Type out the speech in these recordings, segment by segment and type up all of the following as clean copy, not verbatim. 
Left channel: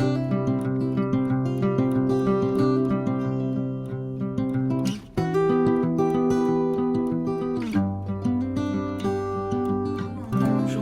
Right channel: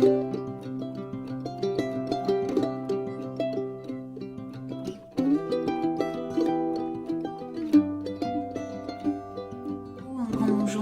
Bonjour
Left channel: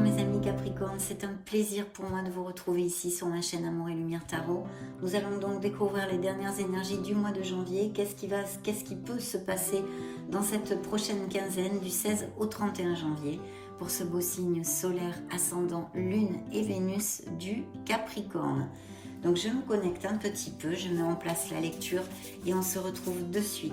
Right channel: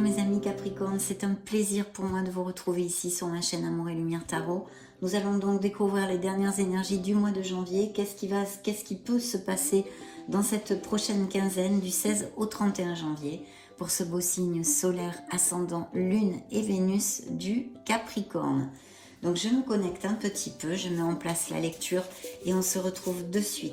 mes amis Capricorne, c'est un plaisir pour moi de vous retrouver ici sur ma chaîne Amour et Lumière Tarot. Nous allons donc découvrir les dernières énergies du mois de janvier. Qu'est-ce qui peut se passer dans cette prochaine quinzaine du 16 au 31 janvier pour ce beau signe solaire ascendant Lune et Vénus du Capricorne. Donc je me connecte un petit peu, je mets en place la lecture et on se retrouve de suite.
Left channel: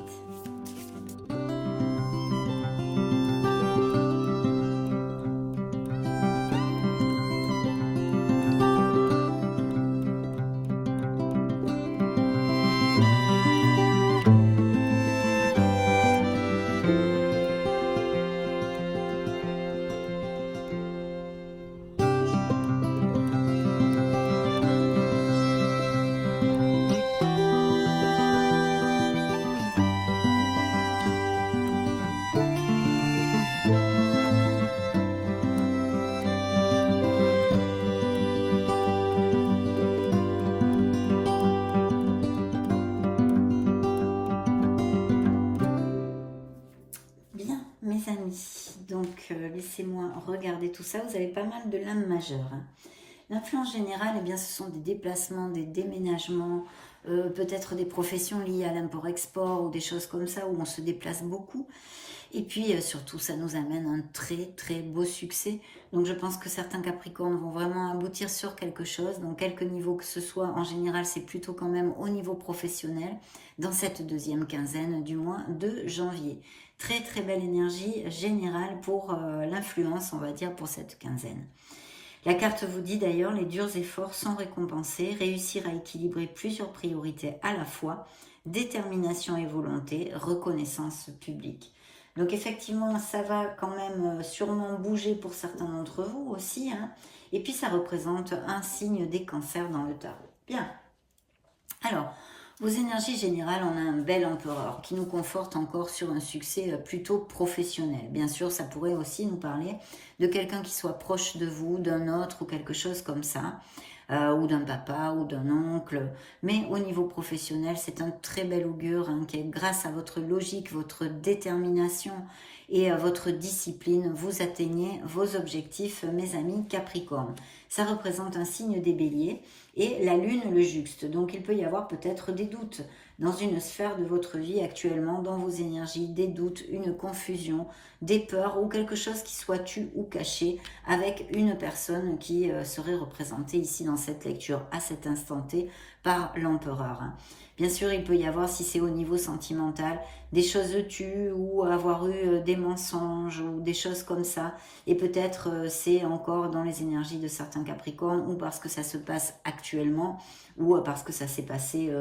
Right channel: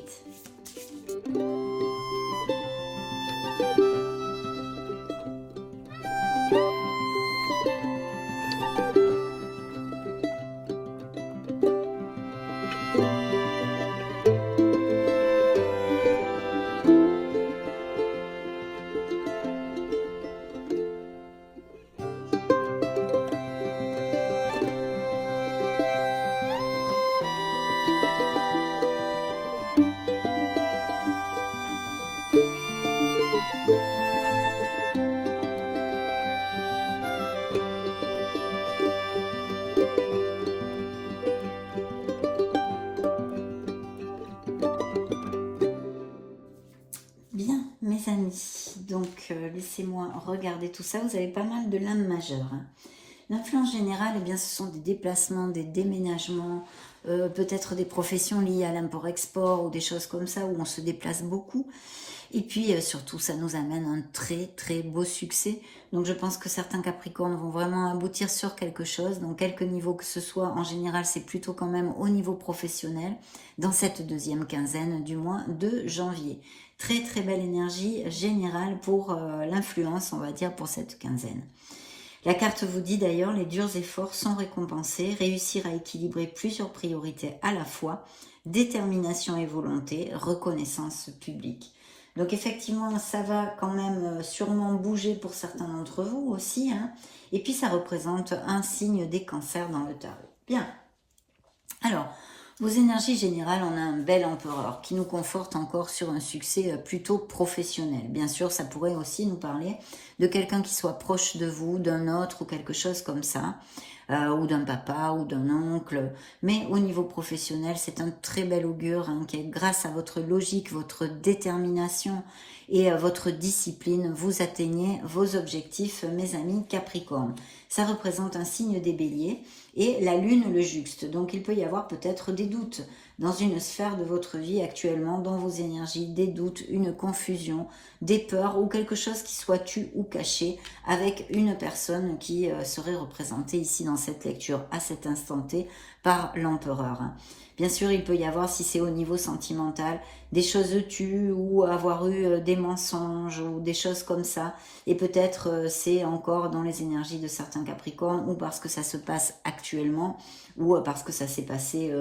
Bien, mes amis, donc laissez-moi regarder tout ça. Vous avez pas mal de lames majeures. Hein. L'influence générale, eh bien, ce sont des déplacements, des déménagements, peut-être des professions liées à l'import-export ou des choses comme ça où on se déplace beaucoup. Et puis surtout, ça nous amène un très très beau succès. Donc je pense que certains Capricornes vont vraiment aboutir sur quelque chose, dans quelque niveau que ce soit. En général, c'est plutôt quand même au niveau professionnel, dans cette deuxième quinzaine du mois de janvier. Très très belle énergie générale pour l'influence, on va dire, pour cette quinzaine. La carte vous dit d'ailleurs, les durs efforts sont récompensés, réussir à équilibrer plusieurs priorités à la fois, détermination et volonté, reconnaissance publique. Donc effectivement, ça va quand même sûrement bouger pour certains d'entre vous aussi. Hein. Et puis ça représente un signe des cancers dans le tarot. Bien. Alors, vos énergies générales, on a un bel empereur qui nous conforte encore sur un succès plutôt professionnel. Bien sûr, ça pourrait aussi nous parler de quelqu'un qui soit proche de vous, d'un autre ou quelque chose comme ça. Ou d'un papa ou d'un oncle, mais au niveau professionnel, c'est un très bel augure hein, qui est grâce à votre logique, votre détermination et à votre discipline, vous atteignez vos objectifs, mes amis Capricorne. Ça représente un signe des béliers et la lune le juxte, donc il peut y avoir peut-être des doutes dans une sphère de votre vie actuellement, dans vos énergies, des doutes, une confusion, des peurs ou quelque chose qui soit tu ou caché avec une personne qui serait représentée ici dans cette lecture à cet instant T par l'empereur. Bien sûr, il peut y avoir, si c'est au niveau sentimental, des choses tues ou avoir eu des mensonges ou des choses comme ça. Et peut-être c'est encore dans les énergies de certains Capricornes ou parce que ça se passe actuellement ou parce que ça s'est passé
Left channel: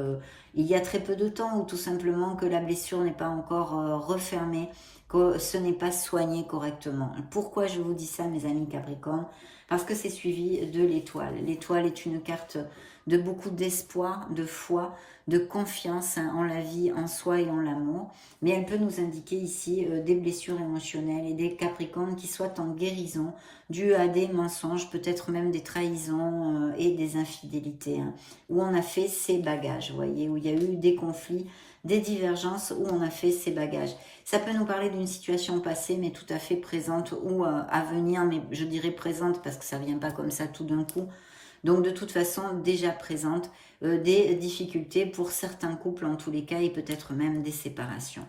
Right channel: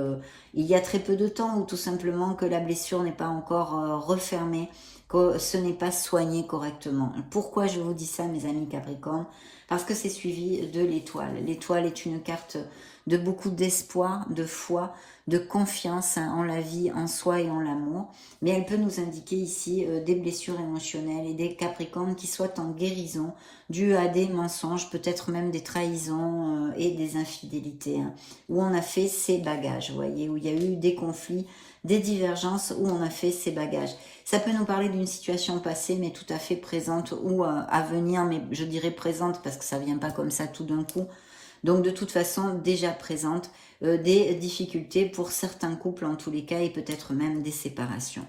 il y a très peu de temps ou tout simplement que la blessure n'est pas encore refermée, que ce n'est pas soigné correctement. Pourquoi je vous dis ça, mes amis Capricornes? Parce que c'est suivi de l'étoile. L'étoile est une carte de beaucoup d'espoir, de foi, de confiance en la vie, en soi et en l'amour. Mais elle peut nous indiquer ici des blessures émotionnelles et des Capricornes qui soient en guérison dues à des mensonges, peut-être même des trahisons et des infidélités. Hein, où on a fait ses bagages, vous voyez, où il y a eu des conflits, des divergences, où on a fait ses bagages. Ça peut nous parler d'une situation passée, mais tout à fait présente, ou à venir, mais je dirais présente, parce que ça ne vient pas comme ça tout d'un coup. Donc de toute façon, déjà présente, des difficultés pour certains couples en tous les cas, et peut-être même des séparations.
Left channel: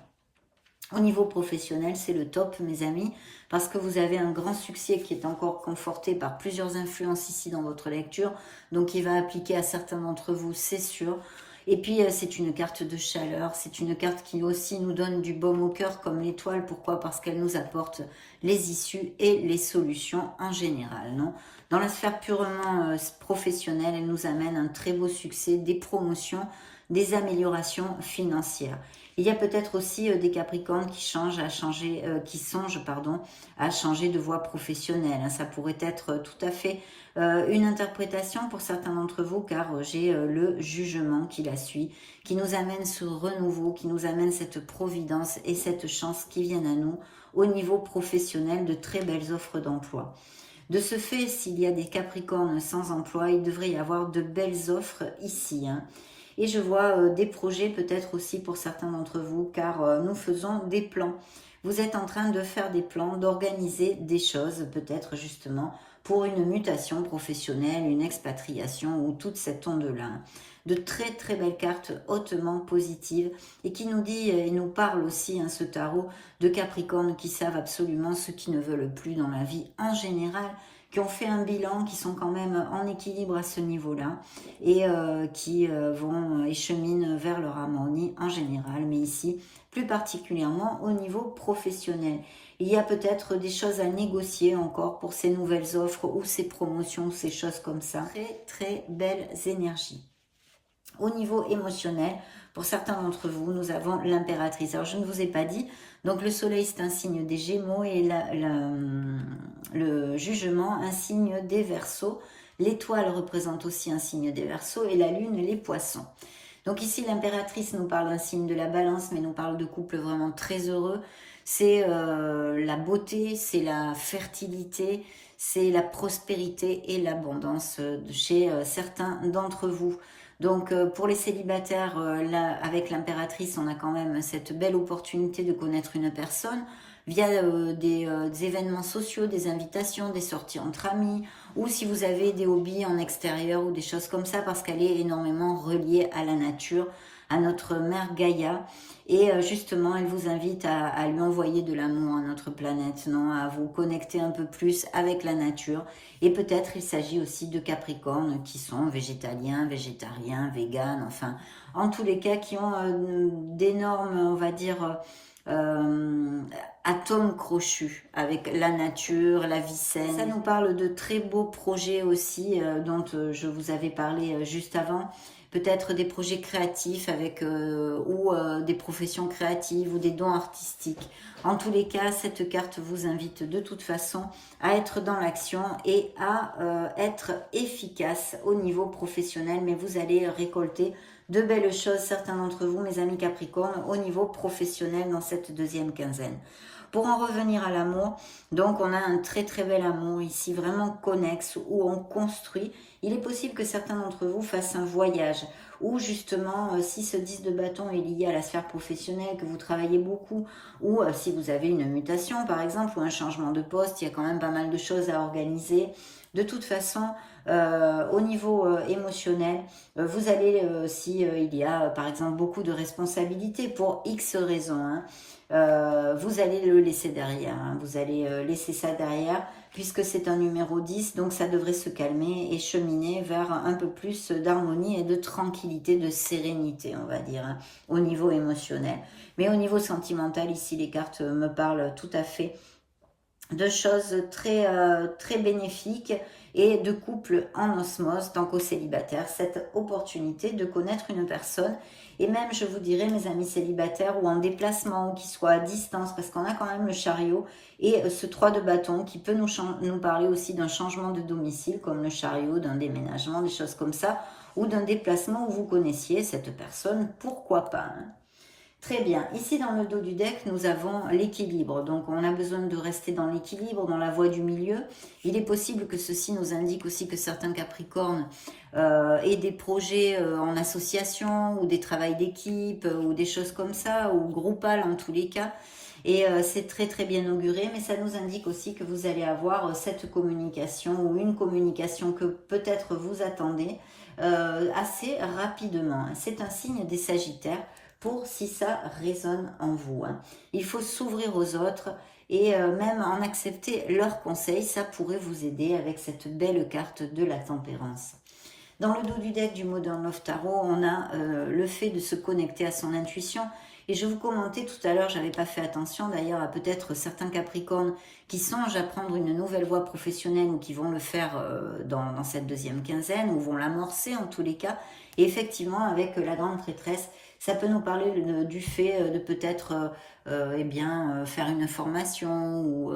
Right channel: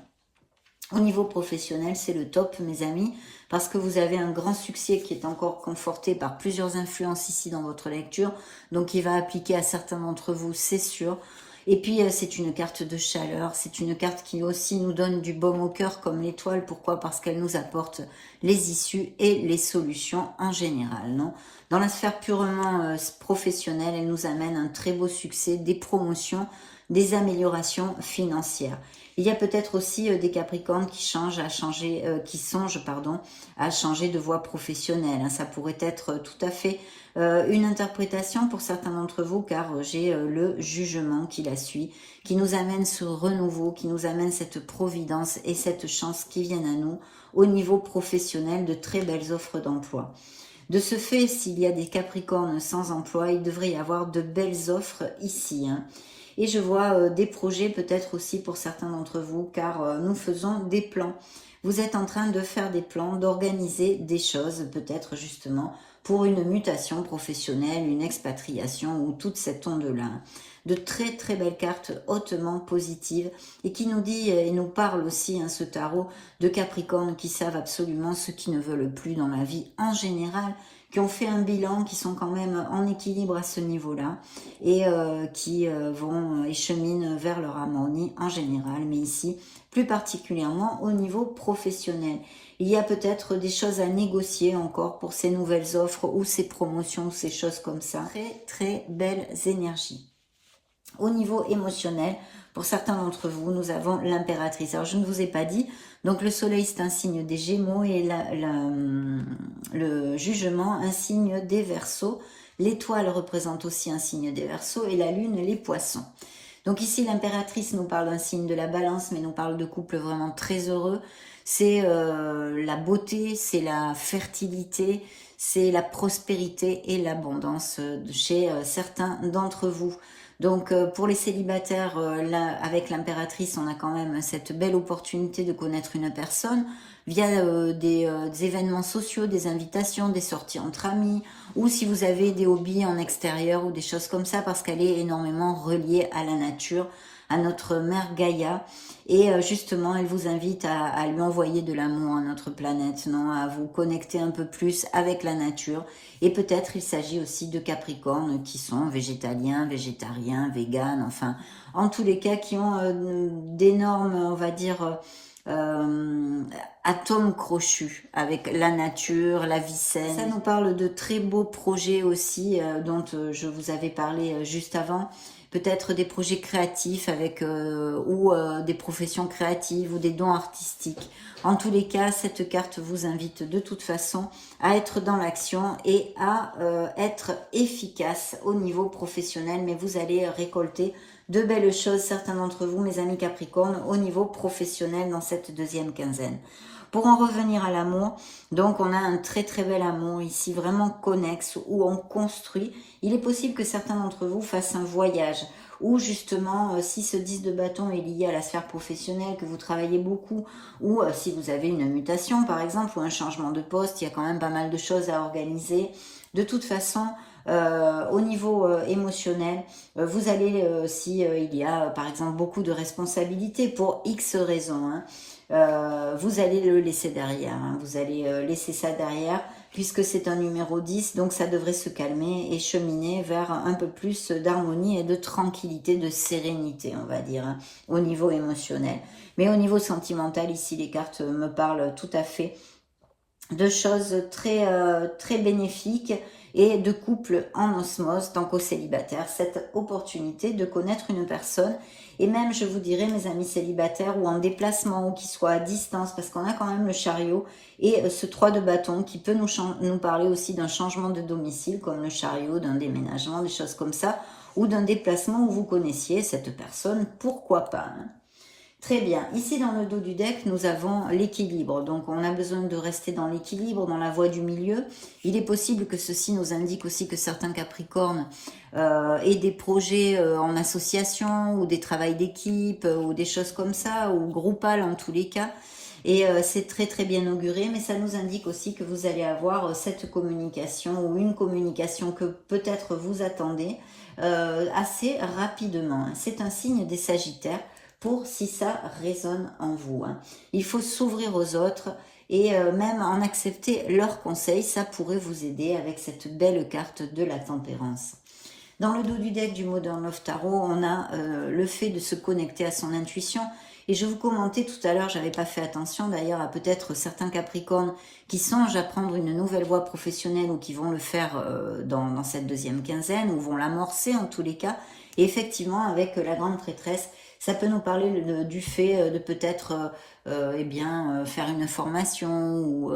Au niveau professionnel, c'est le top, mes amis, parce que vous avez un grand succès qui est encore conforté par plusieurs influences ici dans votre lecture, donc il va appliquer à certains d'entre vous, c'est sûr. Et puis, c'est une carte de chaleur, c'est une carte qui aussi nous donne du baume au cœur comme l'étoile. Pourquoi? Parce qu'elle nous apporte les issues et les solutions en général, non? Dans la sphère purement professionnelle, elle nous amène un très beau succès, des promotions, des améliorations financières. Il y a peut-être aussi des Capricornes qui songent à changer de voie professionnelle. Hein. Ça pourrait être tout à fait une interprétation pour certains d'entre vous, car j'ai le jugement qui la suit, qui nous amène ce renouveau, qui nous amène cette providence et cette chance qui viennent à nous au niveau professionnel, de très belles offres d'emploi. De ce fait, s'il y a des Capricornes sans emploi, il devrait y avoir de belles offres ici. Et je vois des projets peut-être aussi pour certains d'entre vous, car nous faisons des plans. Vous êtes en train de faire des plans, d'organiser des choses, peut-être justement pour une mutation professionnelle, une expatriation ou toute cette onde-là. De très très belles cartes hautement positives et qui nous dit et nous parle aussi, ce tarot, de Capricorne qui savent absolument ce qu'ils ne veulent plus dans la vie en général, qui ont fait un bilan, qui sont quand même en équilibre à ce niveau-là et qui vont et cheminent vers leur harmonie en général, mais ici plus particulièrement au niveau professionnel. Il y a peut-être des choses à négocier encore pour ces nouvelles offres ou ces promotions, ces choses comme ça. Très très belles énergies. Au niveau émotionnel, pour certains d'entre vous, nous avons l'impératrice. Alors, je ne vous ai pas dit, donc le soleil, c'est un signe des Gémeaux et le jugement, un signe des Verseaux. L'étoile représente aussi un signe des Verseaux et la lune, les Poissons. Donc ici, l'impératrice nous parle d'un signe de la Balance, mais nous parle de couple vraiment très heureux. C'est la beauté, c'est la fertilité, c'est la prospérité et l'abondance chez certains d'entre vous. Donc pour les célibataires, là, avec l'impératrice, on a quand même cette belle opportunité de connaître une personne via des événements sociaux, des invitations, des sorties entre amis, ou si vous avez des hobbies en extérieur ou des choses comme ça, parce qu'elle est énormément reliée à la nature, à notre mère Gaïa, et justement elle vous invite à lui envoyer de l'amour à notre planète, non, à vous connecter un peu plus avec la nature. Et peut-être il s'agit aussi de Capricornes qui sont végétaliens, végétariens, véganes, enfin en tous les cas qui ont d'énormes, on va dire, atomes crochus avec la nature, la vie saine. Ça nous parle de très beaux projets aussi dont je vous avais parlé juste avant. Peut-être des projets créatifs avec ou des professions créatives ou des dons artistiques. En tous les cas, cette carte vous invite de toute façon à être dans l'action et à être efficace au niveau professionnel. Mais vous allez récolter de belles choses, certains d'entre vous, mes amis Capricornes, au niveau professionnel dans cette deuxième quinzaine. Pour en revenir à l'amour, donc on a un très très bel amour ici, vraiment connexe, où on construit. Il est possible que certains d'entre vous fassent un voyage, ou justement, si ce 10 de bâton est lié à la sphère professionnelle, que vous travaillez beaucoup, ou si vous avez une mutation par exemple, ou un changement de poste, il y a quand même pas mal de choses à organiser. De toute façon, au niveau émotionnel, vous allez, si il y a par exemple beaucoup de responsabilités pour X raisons, vous allez le laisser derrière, vous allez laisser ça derrière, puisque c'est un numéro 10, donc ça devrait se calmer et cheminer vers un peu plus d'harmonie et de tranquillité, de sérénité, on va dire, au niveau émotionnel. Mais au niveau sentimental, ici, les cartes me parlent tout à fait de choses très, très bénéfiques et de couple en osmose, donc aux célibataires, cette opportunité de connaître une personne. Et même, je vous dirais, mes amis célibataires, ou en déplacement, ou qui soient à distance, parce qu'on a quand même le chariot et ce 3 de bâton qui peut nous parler aussi d'un changement de domicile, comme le chariot, d'un déménagement, des choses comme ça, ou d'un déplacement où vous connaissiez cette personne, pourquoi pas, Très bien. Ici, dans le dos du deck, nous avons l'équilibre. Donc, on a besoin de rester dans l'équilibre, dans la voie du milieu. Il est possible que ceci nous indique aussi que certains Capricornes aient des projets en association ou des travails d'équipe ou des choses comme ça, ou groupales en tous les cas. Et c'est très très bien auguré, mais ça nous indique aussi que vous allez avoir cette communication ou une communication que peut-être vous attendez assez rapidement. C'est un signe des Sagittaires. Pour si ça résonne en vous. Il faut s'ouvrir aux autres et même en accepter leurs conseils, ça pourrait vous aider avec cette belle carte de la tempérance. Dans le dos du deck du Modern Love Tarot, on a le fait de se connecter à son intuition. Et je vous commentais tout à l'heure, j'avais pas fait attention d'ailleurs à peut-être certains Capricornes qui songent à prendre une nouvelle voie professionnelle ou qui vont le faire dans cette deuxième quinzaine ou vont l'amorcer en tous les cas. Et effectivement, avec la grande prêtresse, ça peut nous parler du fait de peut-être faire une formation ou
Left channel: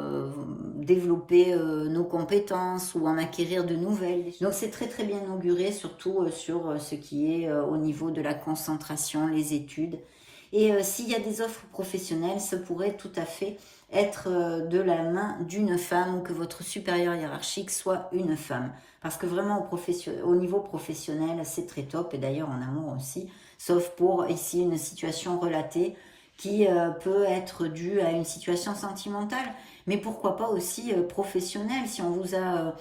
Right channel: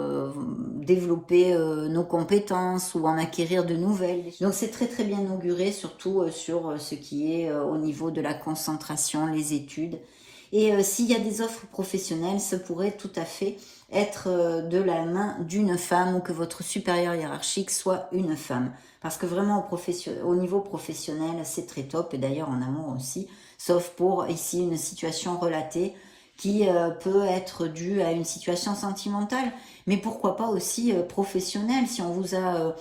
développer nos compétences ou en acquérir de nouvelles. Donc c'est très très bien auguré, surtout sur ce qui est au niveau de la concentration, les études. Et s'il y a des offres professionnelles, ça pourrait tout à fait être de la main d'une femme ou que votre supérieur hiérarchique soit une femme. Parce que vraiment au niveau professionnel, c'est très top, et d'ailleurs en amour aussi, sauf pour ici une situation relatée qui peut être due à une situation sentimentale, mais pourquoi pas aussi professionnelle. Si on vous a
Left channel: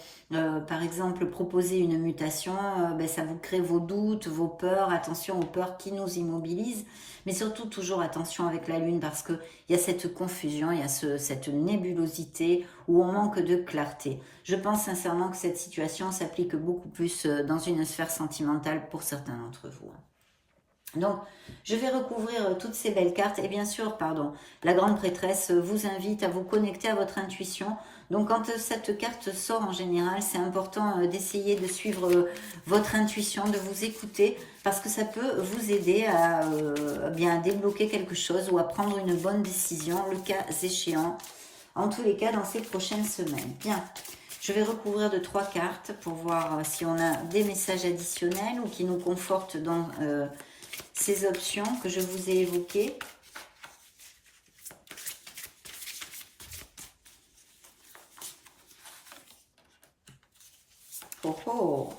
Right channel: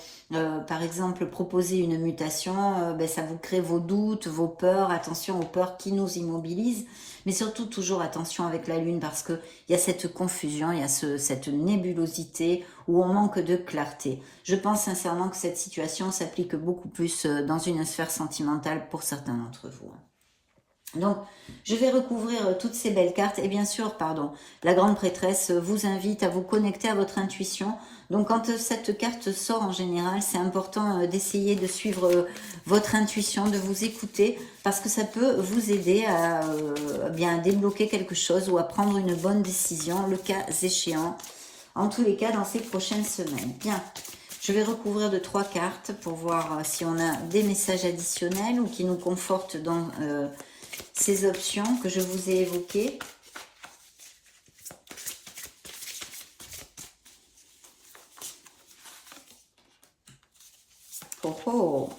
par exemple proposé une mutation, ben, ça vous crée vos doutes, vos peurs, attention aux peurs qui nous immobilisent, mais surtout toujours attention avec la lune, parce qu'il y a cette confusion, il y a cette nébulosité où on manque de clarté. Je pense sincèrement que cette situation s'applique beaucoup plus dans une sphère sentimentale pour certains d'entre vous. Donc, je vais recouvrir toutes ces belles cartes. Et bien sûr, pardon, la grande prêtresse vous invite à vous connecter à votre intuition. Donc, quand cette carte sort en général, c'est important d'essayer de suivre votre intuition, de vous écouter, parce que ça peut vous aider à bien débloquer quelque chose ou à prendre une bonne décision, le cas échéant. En tous les cas, dans ces prochaines semaines. Bien, je vais recouvrir de 3 cartes pour voir si on a des messages additionnels ou qui nous confortent dans... ces options que je vous ai évoquées. Oh oh.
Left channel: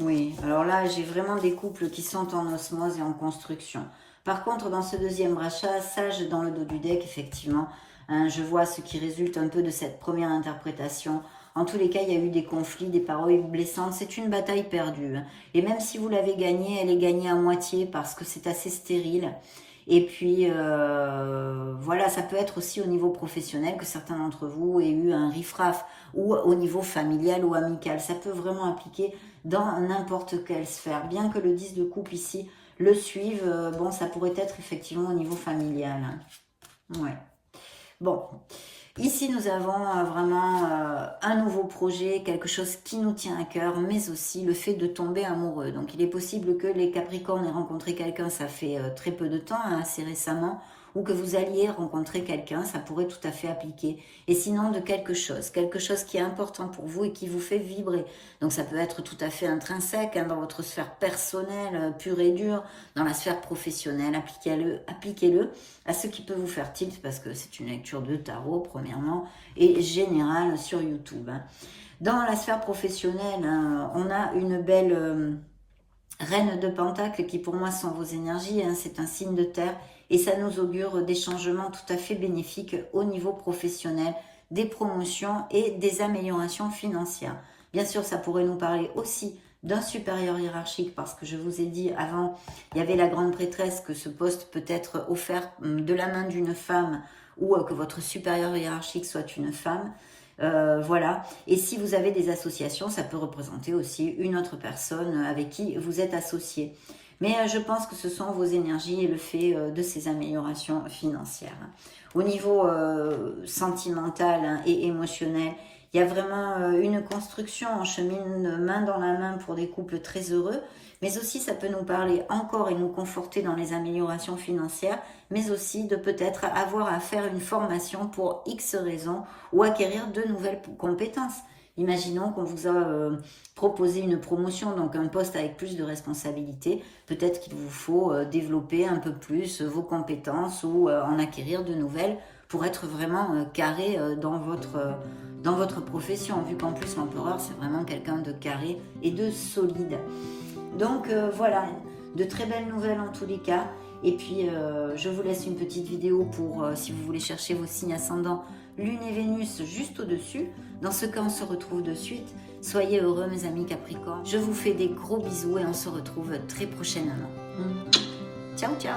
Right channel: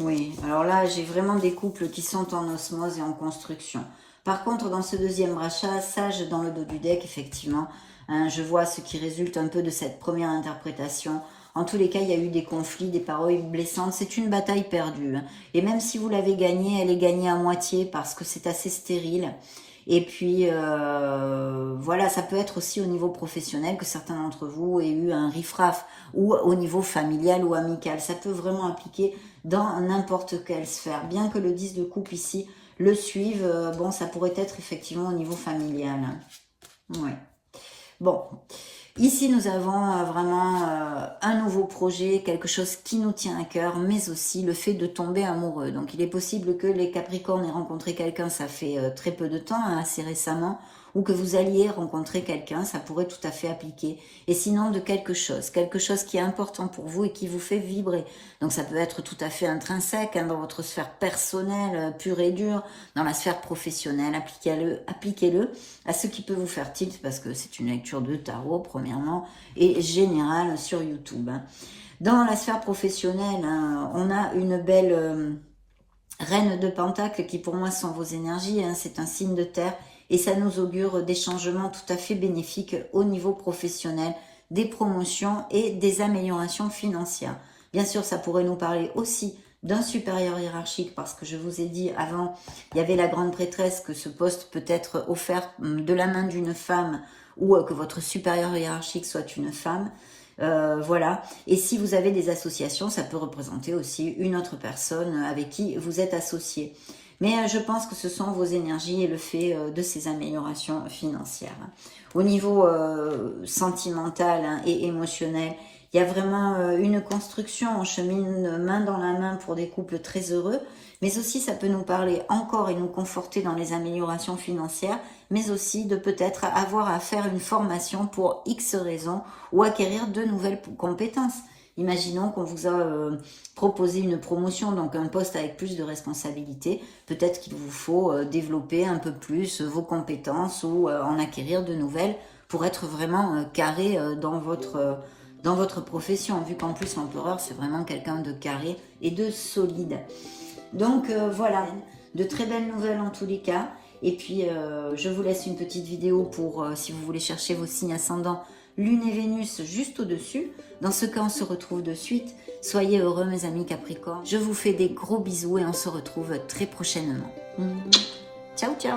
Oui, alors là, j'ai vraiment des couples qui sont en osmose et en construction. Par contre, dans ce deuxième rachat, sage dans le dos du deck, effectivement, hein, je vois ce qui résulte un peu de cette première interprétation. En tous les cas, il y a eu des conflits, des paroles blessantes. C'est une bataille perdue. Et même si vous l'avez gagnée, elle est gagnée à moitié parce que c'est assez stérile. Et puis, voilà, ça peut être aussi au niveau professionnel que certains d'entre vous aient eu un riff-raff, ou au niveau familial ou amical. Ça peut vraiment impliquer dans n'importe quelle sphère. Bien que le 10 de coupe ici le suive, bon, ça pourrait être effectivement au niveau familial. Ouais. Bon, ici nous avons vraiment un nouveau projet, quelque chose qui nous tient à cœur, mais aussi le fait de tomber amoureux. Donc il est possible que les Capricornes aient rencontré quelqu'un, ça fait très peu de temps, hein, assez récemment, ou que vous alliez rencontrer quelqu'un, ça pourrait tout à fait appliquer. Et sinon de quelque chose qui est important pour vous et qui vous fait vibrer. Donc ça peut être tout à fait intrinsèque hein, dans votre sphère personnelle, pure et dure, dans la sphère professionnelle, appliquez-le à ce qui peut vous faire tilt, parce que c'est une lecture de tarot, premièrement, et générale sur YouTube. Hein. Dans la sphère professionnelle, hein, on a une belle reine de Pentacles qui pour moi sont vos énergies, hein, c'est un signe de terre, et ça nous augure des changements tout à fait bénéfiques au niveau professionnel, des promotions et des améliorations financières. Bien sûr, ça pourrait nous parler aussi d'un supérieur hiérarchique, parce que je vous ai dit avant, il y avait la grande prêtresse, que ce poste peut être offert de la main d'une femme, ou que votre supérieur hiérarchique soit une femme. Voilà. Et si vous avez des associations, ça peut représenter aussi une autre personne avec qui vous êtes associé. Mais je pense que ce sont vos énergies et le fait de ces améliorations financières. Au niveau sentimental hein, et émotionnel, il y a vraiment une construction, on chemine main dans la main pour des couples très heureux, mais aussi ça peut nous parler encore et nous conforter dans les améliorations financières, mais aussi de peut-être avoir à faire une formation pour X raisons ou acquérir de nouvelles compétences. Imaginons qu'on vous a proposé une promotion, donc un poste avec plus de responsabilités. Peut-être qu'il vous faut développer un peu plus vos compétences ou en acquérir de nouvelles pour être vraiment carré dans votre profession. Vu qu'en plus l'empereur, c'est vraiment quelqu'un de carré et de solide. Donc voilà, de très belles nouvelles en tous les cas. Et puis, je vous laisse une petite vidéo pour, si vous voulez chercher vos signes ascendants, Lune et Vénus juste au-dessus. Dans ce cas, on se retrouve de suite. Soyez heureux, mes amis Capricornes. Je vous fais des gros bisous et on se retrouve très prochainement. Ciao, ciao!